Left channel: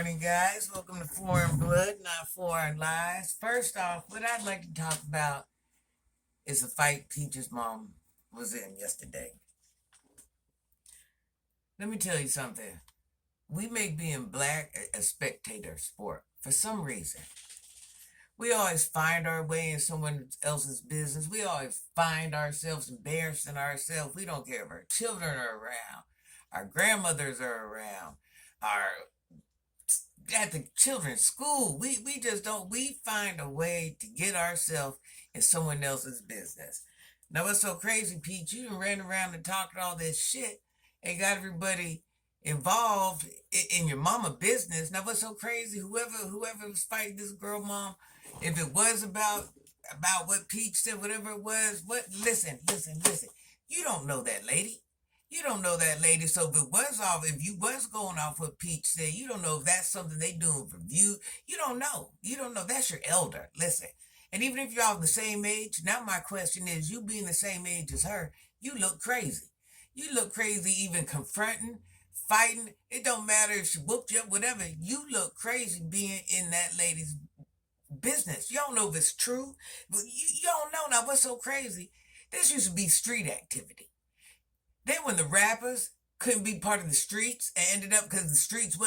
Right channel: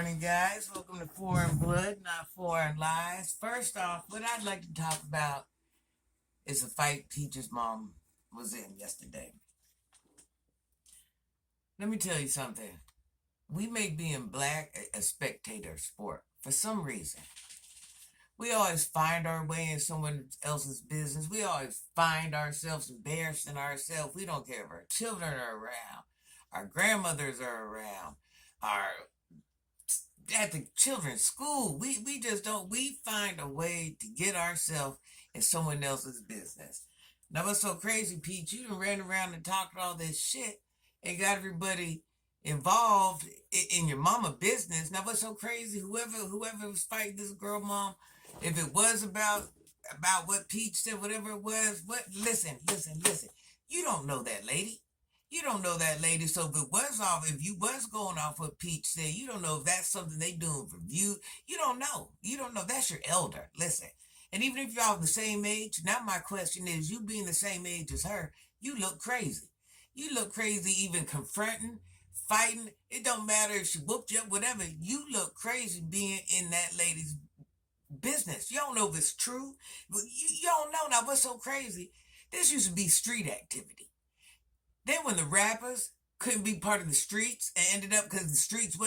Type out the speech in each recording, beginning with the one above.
morning, guys. Welcome to Foreign Blood, Not Foreign Lies. First off, what I'd like to talk about is the fight Peach's mom was in yesterday. Let me tell you something. We make being black a spectator sport for some reason. We always find our way in someone else's business. We always find ourselves embarrassing ourselves. We don't care if our children are around, our grandmothers are around, our at the children's school. We just don't. We find a way to get ourselves in someone else's business. Now what's so crazy, Pete? You done ran around and talked all this shit and got everybody involved in your mama business. Now what's so crazy? Whoever was fighting this girl mom, if it was about what Peach said, whatever it was, what listen. You don't know that lady. You don't know that lady. So if you was going off what Peach said, you don't know if that's something they doing for you. You don't know. You don't know. That's your elder. Listen. And even if y'all the same age, now my question is, you being the same age as her, you look crazy. You look crazy even confronting, fighting. It don't matter if she whooped you up, whatever. You look crazy being in that lady's business. You don't know if it's true. But you don't know. Now what's so crazy? This used to be street activity. Then when the rappers couldn't be part of the streets and ended up because the streets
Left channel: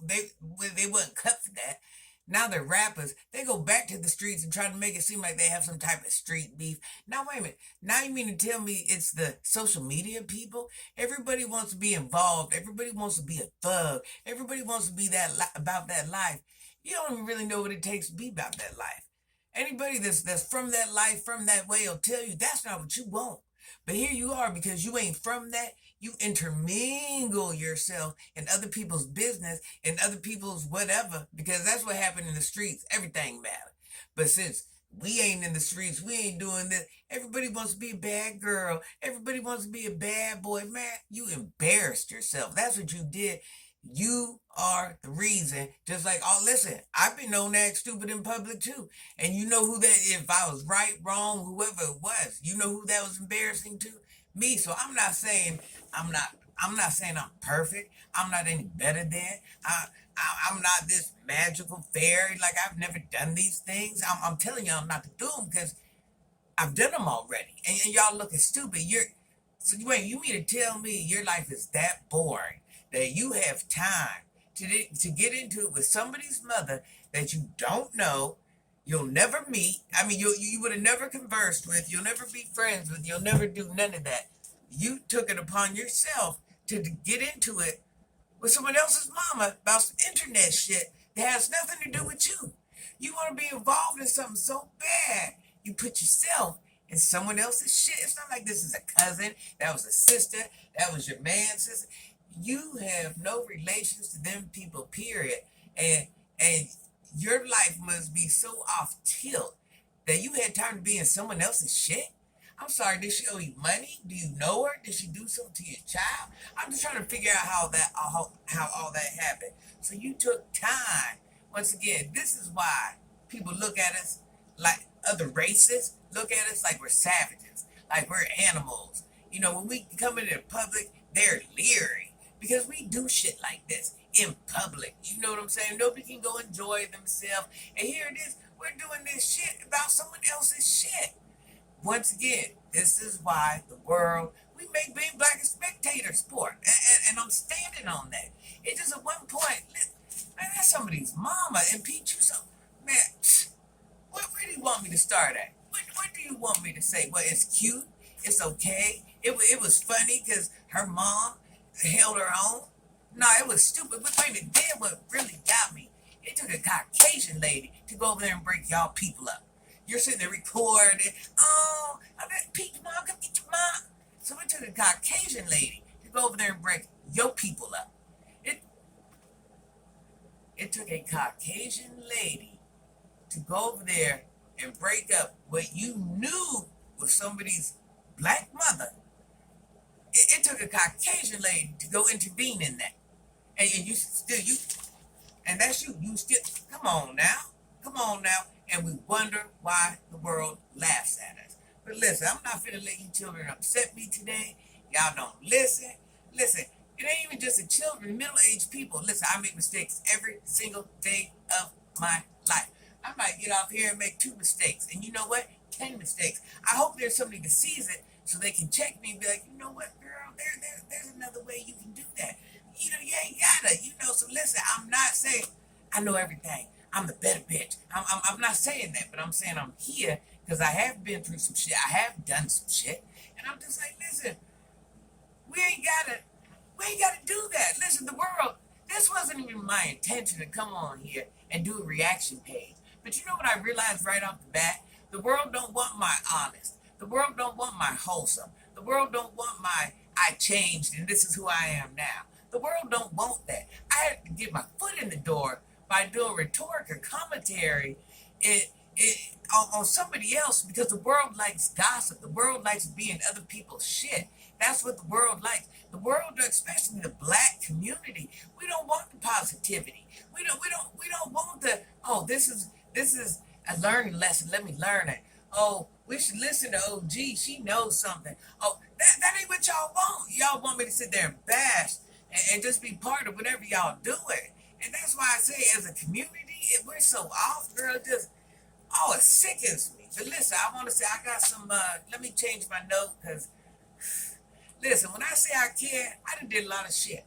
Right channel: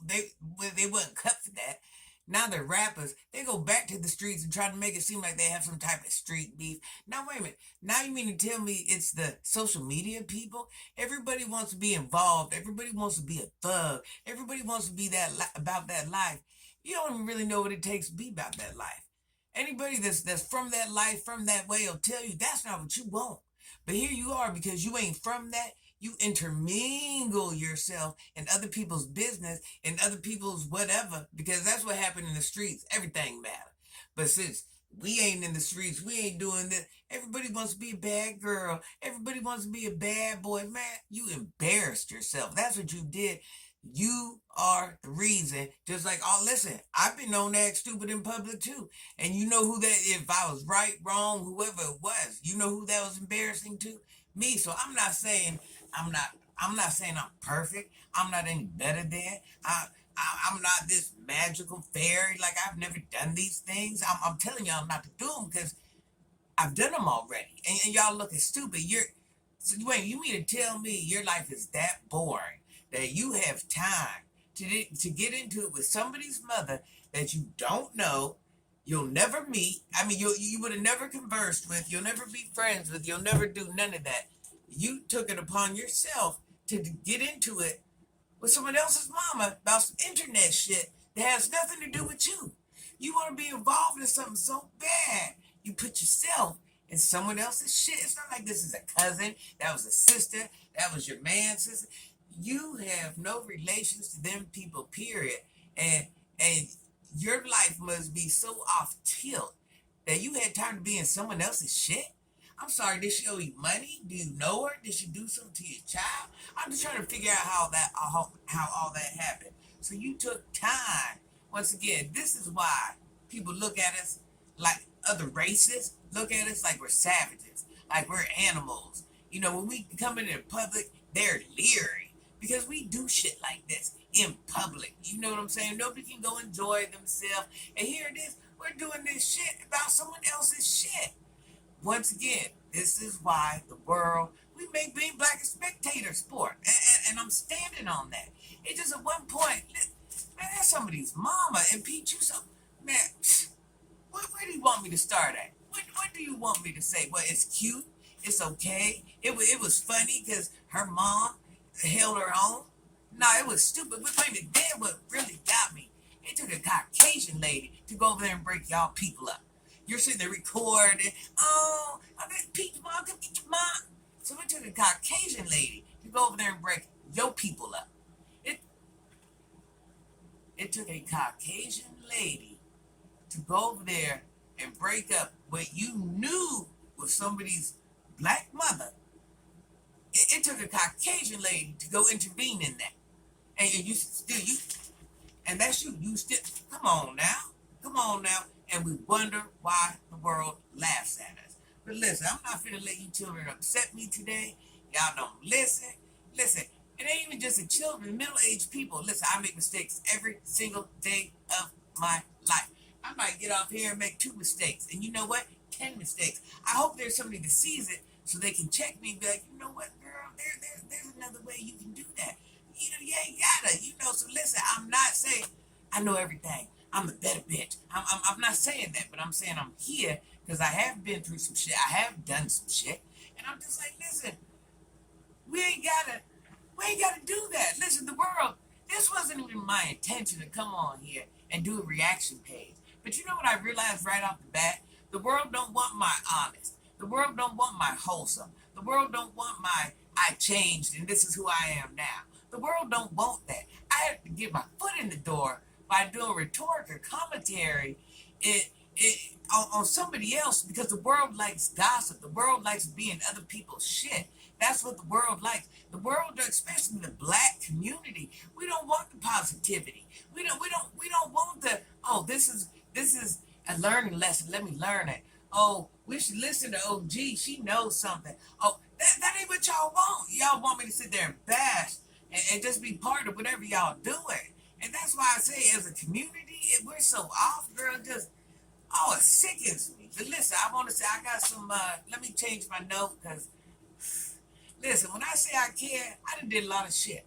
they wasn't cut for that. Now they're rappers. They go back to the streets and try to make it seem like they have some type of street beef. Now wait a minute. Now you mean to tell me it's the social media people? Everybody wants to be involved. Everybody wants to be a thug. Everybody wants to be about that life. You don't even really know what it takes to be about that life. Anybody that's from that life, from that way, will tell you that's not what you want. But here you are, because you ain't from that, you intermingle yourself in other people's business and other people's whatever, because that's what happened in the streets. Everything matters. But since we ain't in the streets, we ain't doing this, everybody wants to be a bad girl. Everybody wants to be a bad boy. Man, you embarrassed yourself. That's what you did. You are the reason. Just like, oh, listen, I've been known to act stupid in public too. And you know who that, if I was right, wrong, whoever it was, you know who that was embarrassing to? Me. So I'm not, I'm not saying I'm perfect. I'm not any better than. I'm not this magical fairy. Like, I've never done these things. I'm telling y'all not to do them because I've done them already. And y'all looking stupid. You mean to tell me your life is that boring that you have time to get into it with somebody's mother that you don't know, you'll never meet. I mean, you would have never conversed with, you'll never be friends with, you'll never do none of that. You took it upon yourself to get into it with someone else's mama about some internet shit that has nothing to do with you. You want to be involved in something so bad, you put yourself in someone else's shit. It's not like this is a cousin, that was a sister, that was your man's sister. You have no relations to them people, period. And your life must be so off tilt that you had time to be in someone else's shit. I'm sorry, did she owe you money? Do you know her? Did she do something to your child? I'm just trying to figure out how all that happened. So you took time. Once again, this is why people look at us like other races, look at us like we're savages, like we're animals. You know, when we come into the public, they're leery because we do shit like this in public. You know what I'm saying? Nobody can go enjoy themselves. And here it is, we're doing this shit about someone else's shit. Once again, this is why the world, we make being black a spectator sport. And I'm standing on that. It just at one point, man, that's somebody's mama. And Pete, you so, man, where do you want me to start at? What do you want me to say? Well, it's cute. It's okay. It was funny because her mom held her own. No, it was stupid. But wait a minute, then what really got me, it took a Caucasian lady to go over there and break y'all people up. You're sitting there recording. Oh, I bet Pete's mom, come get your mom. So it took a Caucasian lady to go over there and break your people up. It took a Caucasian lady to go over there and break up what you knew was somebody's black mother. It took a Caucasian lady to go intervene in that. And and that's you. You still, come on now. And we wonder why the world laughs at us. But listen, I'm not finna let you children upset me today. Y'all don't listen. Listen, It ain't even just the children, middle-aged people. Listen, I make mistakes every single day of my life. I might get off here and make 2 mistakes. And you know what? 10 mistakes. I hope there's somebody that sees it so they can check me and be like, you know what, girl, there's another way you can do that. You ain't gotta, so listen, I'm not saying I know everything. I'm the better bitch. I'm not saying that, but I'm saying I'm here because I have been through some shit. I have done some shit. And I'm just like, listen, we ain't gotta we ain't gotta do that. Listen, the world, this wasn't even my intention to come on here and do a reaction page. But you know what I realized right off the bat? The world don't want my honest. The world don't want my wholesome. The world don't want my I changed and this is who I am now. The world don't want that. I had to get my foot in the door by doing rhetorical commentary on somebody else because the world likes gossip. The world likes being other people's shit. That's what the world likes. The world, especially the black community, we don't want the positivity. We don't want the, oh, this is a learning lesson. Let me learn it. Oh, we should listen to OG. She knows something. Oh, that ain't what y'all want. Y'all want me to sit there and bash and just be part of whatever y'all doing. And that's why I say, as a community, we're so off, girl. Just, oh, it sickens me. But listen, I want to say I got some. Let me change my note because, listen, when I say I care, I done did a lot of shit.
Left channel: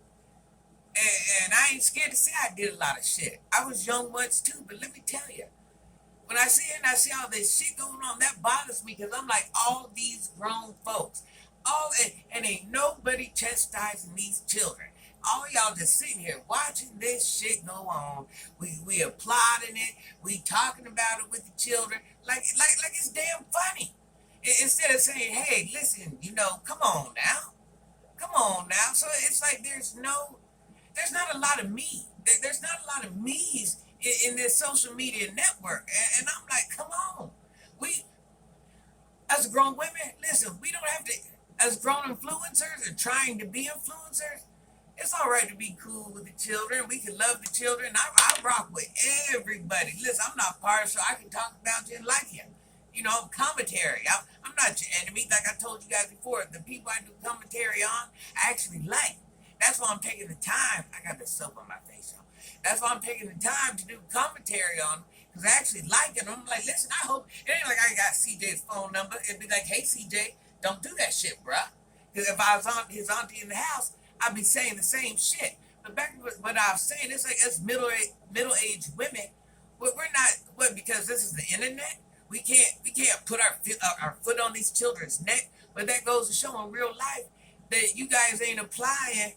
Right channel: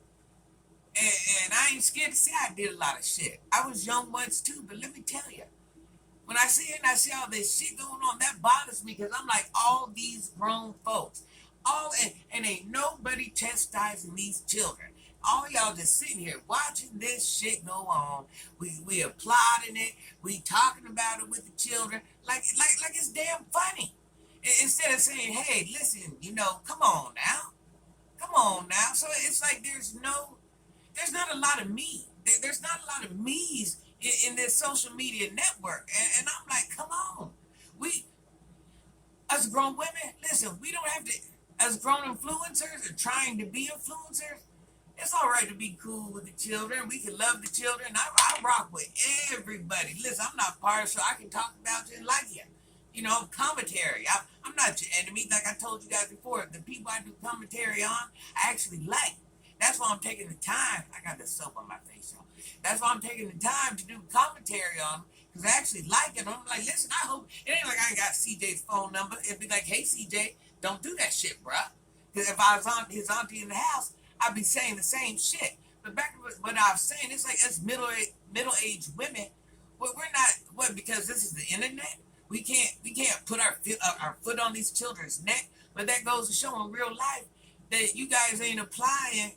And I ain't scared to say I did a lot of shit. I was young once too, but let me tell you, when I see it and I see all this shit going on, that bothers me because I'm like, all these grown folks, and ain't nobody chastising these children. All y'all just sitting here watching this shit go on. We applauding it. We talking about it with the children like it's damn funny. Instead of saying, hey, listen, come on now. Come on now. So it's like there's not a lot of me. There's not a lot of me's in this social media network. And I'm like, come on. We, as grown women, listen, we don't have to, as grown influencers or trying to be influencers, it's all right to be cool with the children. We can love the children. I rock with everybody. Listen, I'm not partial. I can talk about you and like you. Commentary. I'm not your enemy. Like I told you guys before, the people I do commentary on, I actually like. That's why I'm taking the time. I got the soap on my face, y'all. That's why I'm taking the time to do commentary on them because I actually like it. I'm like, listen, I hope it ain't like I got CJ's phone number. It'd be like, hey, CJ, don't do that shit, bruh. Because if I was on his auntie in the house, I'd be saying the same shit. But back to what I was saying, it's like us middle-aged women, we're not, what, because this is the internet? We can't put our foot on these children's neck. But that goes to show in real life that you guys ain't applying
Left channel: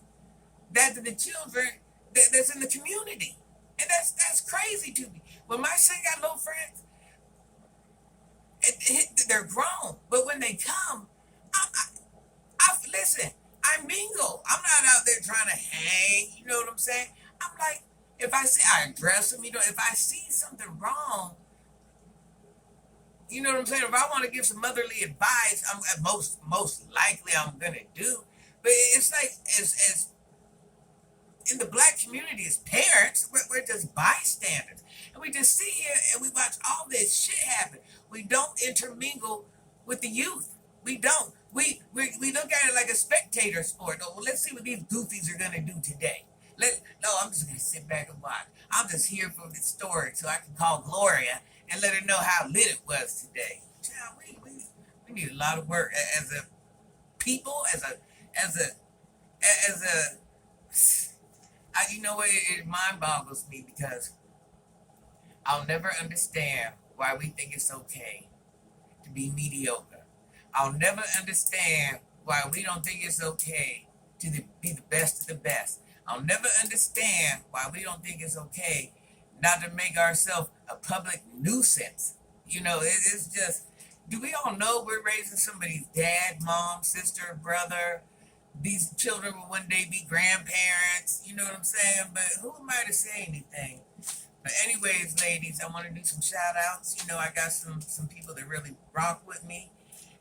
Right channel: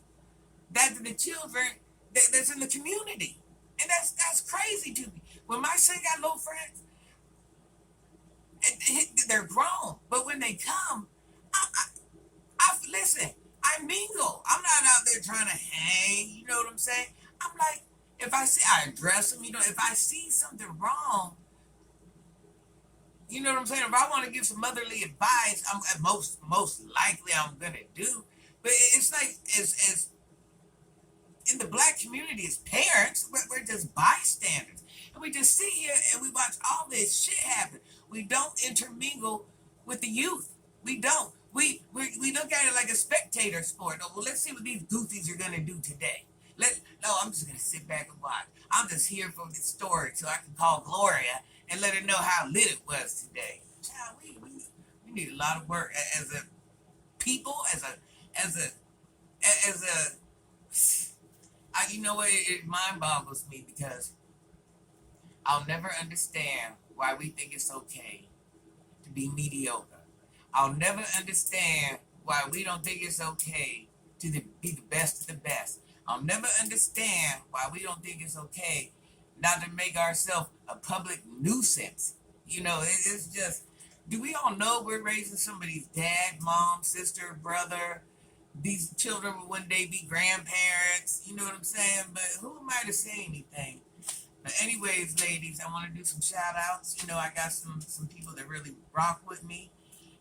that to the children that's in the community. And that's crazy to me. When my son got little friends, they're grown. But when they come, listen, I mingle. I'm not out there trying to hang. You know what I'm saying? I'm like, if I see, I address them. If I see something wrong, you know what I'm saying? If I want to give some motherly advice, I'm most likely I'm gonna do. But it's like as in the black community as parents, we're just bystanders. And we just sit here and we watch all this shit happen. We don't intermingle with the youth. We don't. We look at it like a spectator sport. Oh, well, let's see what these goofies are gonna do today. No, I'm just gonna sit back and watch. I'm just here for the story so I can call Gloria and let her know how lit it was today. Child, we need a lot of work as a people, as a you know what, it mind boggles me because I'll never understand why we think it's okay to be mediocre. I'll never understand why we don't think it's okay to be the best of the best. I'll never understand why we don't think it's okay not to make ourselves a public nuisance. It's just, do we all know we're raising somebody's dad, mom, sister, brother? These children will one day be grandparents. You know what I'm saying? But who am I to say anything? But anyways, ladies, I want to do some shout outs. I got some people that really rock with me.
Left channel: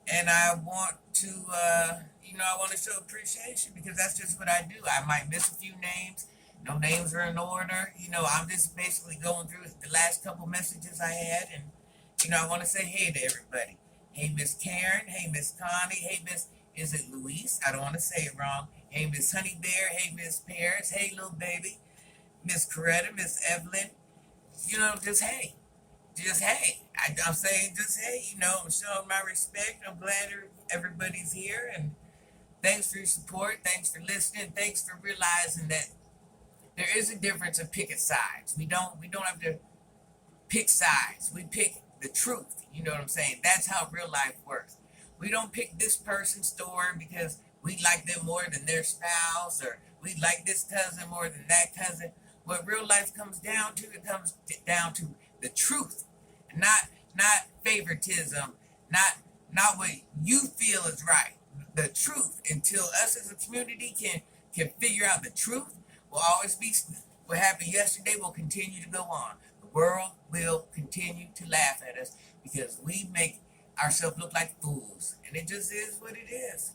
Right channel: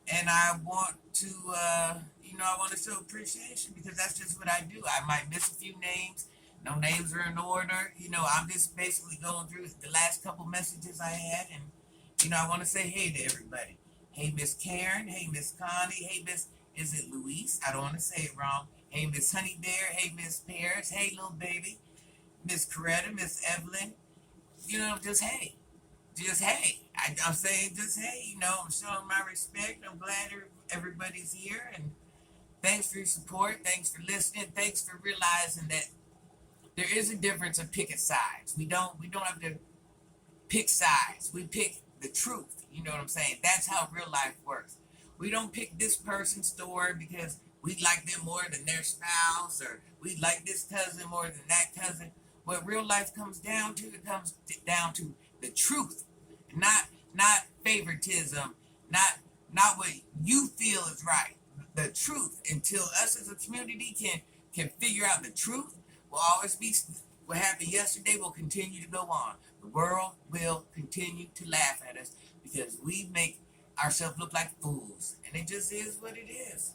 And I want to, I want to show appreciation because that's just what I do. I might miss a few names. No names are in order. I'm just basically going through the last couple messages I had. And, I want to say hey to everybody. Hey, Miss Karen. Hey, Miss Connie. Hey, is it Luis? I don't want to say it wrong. Hey, Miss Honey Bear. Hey, Miss Paris. Hey, little baby. Miss Coretta, Miss Evelyn. You know, just hey. Just hey. I'm saying just hey, you know, I'm showing my respect. I'm glad everybody's here. And thanks for your support. Thanks for listening. Thanks for realizing that there is a difference in picking sides. We don't have to pick sides. We pick the truth. You know what I'm saying? That's how real life works. We don't pick this person's story because we like them more than their spouse, or we like this cousin more than that cousin. What real life comes down to, it comes down to the truth, not not favoritism, not not what you feel is right. The truth. Until us as a community can figure out the truth, will always be what happened yesterday will continue to go on. The world will continue to laugh at us because we make ourselves look like fools. And it just is what it is.